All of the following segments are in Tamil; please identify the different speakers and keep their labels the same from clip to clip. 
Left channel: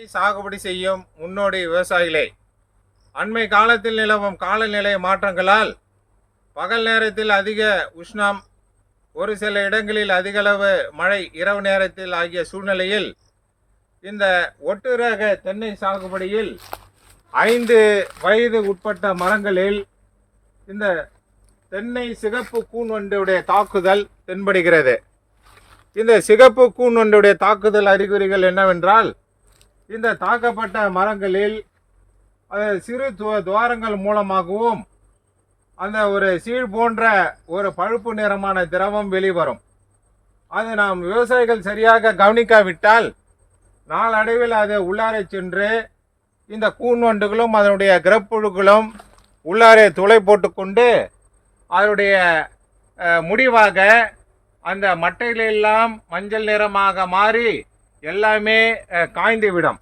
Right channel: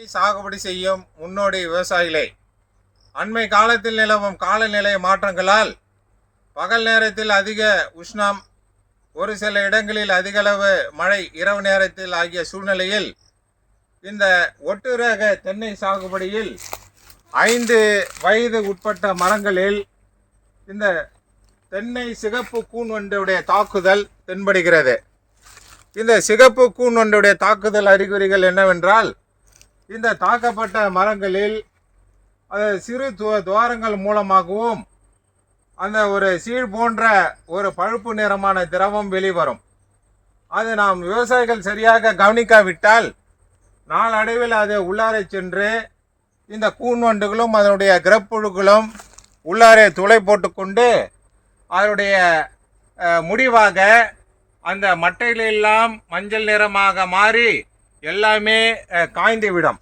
Speaker 1: சாகுபடி செய்யும் முன்னோடி விவசாயிகளே அண்மை காலத்தில் நிலவும் காலநிலை மாற்றங்களால் பகல் நேரத்தில் அதிக உஷ்ணம் ஒரு சில இடங்களில் அதிகளவு மழை இரவு நேரத்தில் ஆகிய சூழ்நிலையில் இந்த ஒட்டுரக தென்னை சாகுபடியில் ஐந்து வயது உட்பட்ட மரங்களில் இந்த தென்னை சிகப்பு கூன் ஒன்றுடைய தாக்குதல் தென்படுகிறது. இந்த சிகப்பு கூன் ஒன்றுடைய தாக்குதல் அறிகுறிகள் என்னவென்றால் இந்த தாக்கப்பட்ட மரங்களில் அது சிறு துவாரங்கள் மூலமாகவும் அந்த ஒரு சீழ் போன்ற ஒரு பழுப்பு நிறமான திரவம் வெளிவரும். அது நாம் விவசாயிகள் சரியாக கவனிக்காவிட்டால் நாளடைவில் அது உள்ளாரை சென்று இந்த கூன்வண்டுகளும் அதனுடைய கிரப்புழுக்களும் உள்ளாரே துளை போட்டுக்கொண்டு அதனுடைய முடிவாக அந்த மட்டைகளெல்லாம் மஞ்சள் நிறமாக மாறி எல்லாமே காய்ந்து விடும்.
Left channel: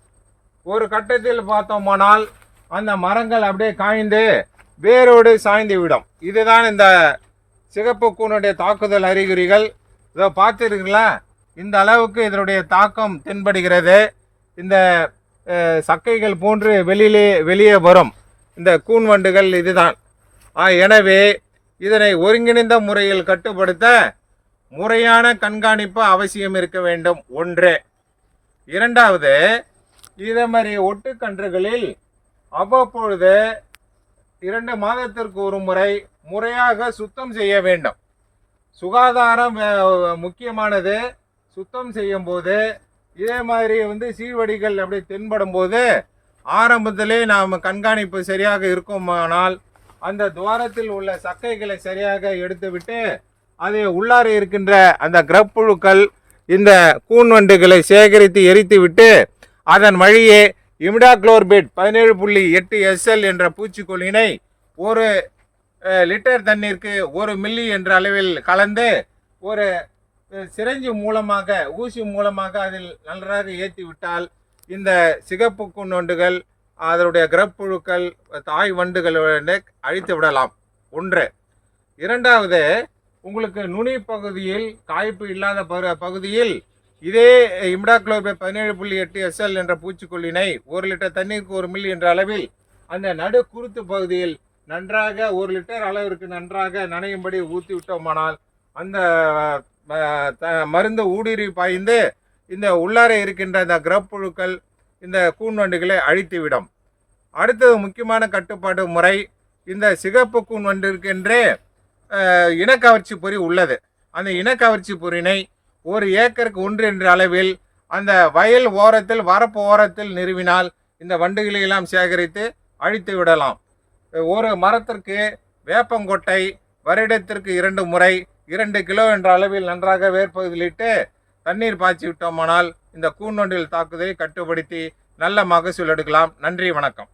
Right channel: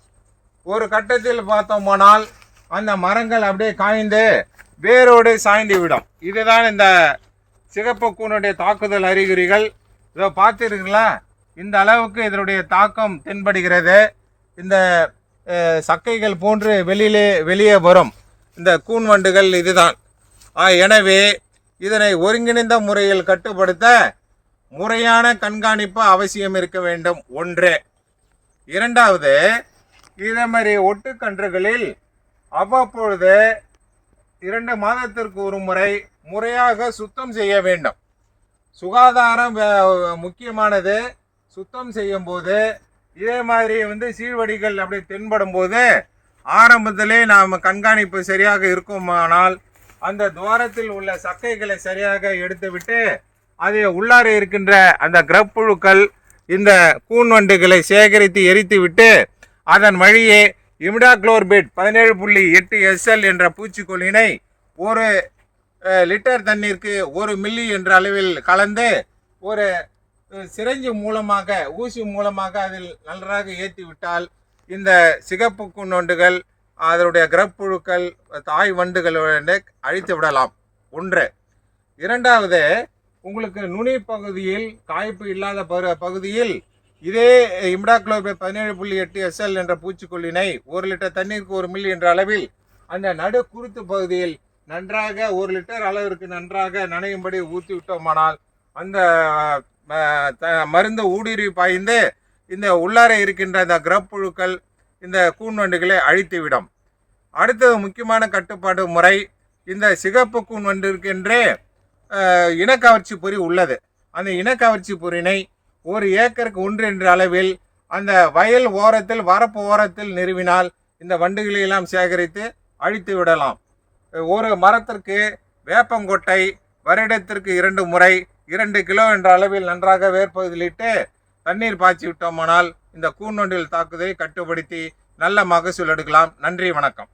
Speaker 1: ஒரு கட்டத்தில் பார்த்தோமானால் அந்த மரங்கள் அப்படியே காய்ந்து வேரோடு சாய்ந்து விடும். இதுதான் இந்த சிகப்பு கூனுடைய தாக்குதல் அறிகுறிகள். இதை பார்த்துருக்கீங்களா? இந்த அளவுக்கு இதனுடைய தாக்கம் தென்படுகிறது. இந்த சக்கைகள் போன்று வெளியிலே வெளியே வரும். இந்த கூன் வண்டுகள் இதுதான். எனவே இதனை ஒருங்கிணைந்த முறையில் கட்டுப்படுத்த முறையான கண்காணிப்பு அவசியம் இருக்க வேண்டும். ஒன்று. இரண்டாவது இதே மாதிரி ஒட்டுக்கன்றுகளில் அவ்வப்பொழுது இரண்டு மாதத்திற்கு ஒரு முறை முறையாக சுத்தம் செய்ய வேண்டும். சுகாதாரம் முக்கியமானது. சுத்தம் செய்யும் போது இதே மாதிரி வந்து சீழ்வடிகள் அப்படி தென்படும் போது ஆரம்பத்திலே நாம் கண்காணிப்பு சரியாக இருக்குமானால் அந்த துவாரத்தில் உள்ள சக்கைகளை சரியாக எடுத்துவிட்டு அதை உள்ளார இருக்கின்ற அந்த கிரப்புழுக்கள் இந்த கூன்வண்டுகளை சேகரித்து எரித்துவிட்டு அதன் வழியே இமிடாக்ளோர்பிட் பதினேழு புள்ளி எட்டு எஸ்எல் என்ற பூச்சிக்கொல்லினை ஒரு லிட்டர் தண்ணீருக்கு ஒரு மில்லி என்ற அளவில் கலந்து ஒரு சிரஞ்சு மூலமாக ஊசி மூலமாக அதில் நன்றாக ஏற்றி விட்டால் இந்த சிகப்பு குன்னொண்டுகள் அதனுடைய கிரப்புழுக்கள் தாய் வண்டுகளை அழித்து விடலாம். ஒன்று. இரண்டாவது உங்களுக்கு நுனி பகுதியில் காய்ப்பு இல்லாத பகுதியில் இதே இம்டாக்ளோபே பதினேழு புள்ளி எட்டு எஸ்எல் என்ற பூச்சிக்கொல்லினை ஒரு லிட்டர் தண்ணீருக்கு ஒரு மில்லி என்ற அளவில் அந்த நடு குருத்து பகுதியில் நன்றாக ஒரு லிட்டர் அளவிற்கு நன்றாக நனையும்படி ஊற்றி விட்டோமானால் அந்த த- மருந்து ஊடுருவி பாய்ந்து இந்த உள்ளார இருக்கின்ற இந்த கிரப்புழுக்கள் இந்த கூன்வண்டுகளை அழித்துவிடும். அடுத்தது முக்கியமான கட்டுப்பாடு முறை இந்த சிகப்பு கூன்வண்டு இனக்கவர்ச்சி பொறி உள்ளது. அந்த இனக்கவர்ச்சி பொறினை ஒரு ஏக்கருக்கு ஒன்று என்ற அளவில் அந்த வயல் ஓரத்தில் வரப்பு ஓரத்தில் நிறுவினால் இந்த வண்டுகளை எல்லாம் சேகரித்து அழித்து விடலாம். ஒரு மரத்திற்கு வேப்பங்கொட்டை வருடத்திற்கு இரண்டு முறை இரண்டு கிலோ என்ற அளவில் நன்றாக வேர்ப்பதிலிட்டு தண்ணீர் பாய்ச்சி விட்டோமானால் இந்த கூண்டொன்றில் தாக்குதலை கட்டுப்படுத்தி நல்ல மகசூல் எடுக்கலாம். நன்றி வணக்கம்.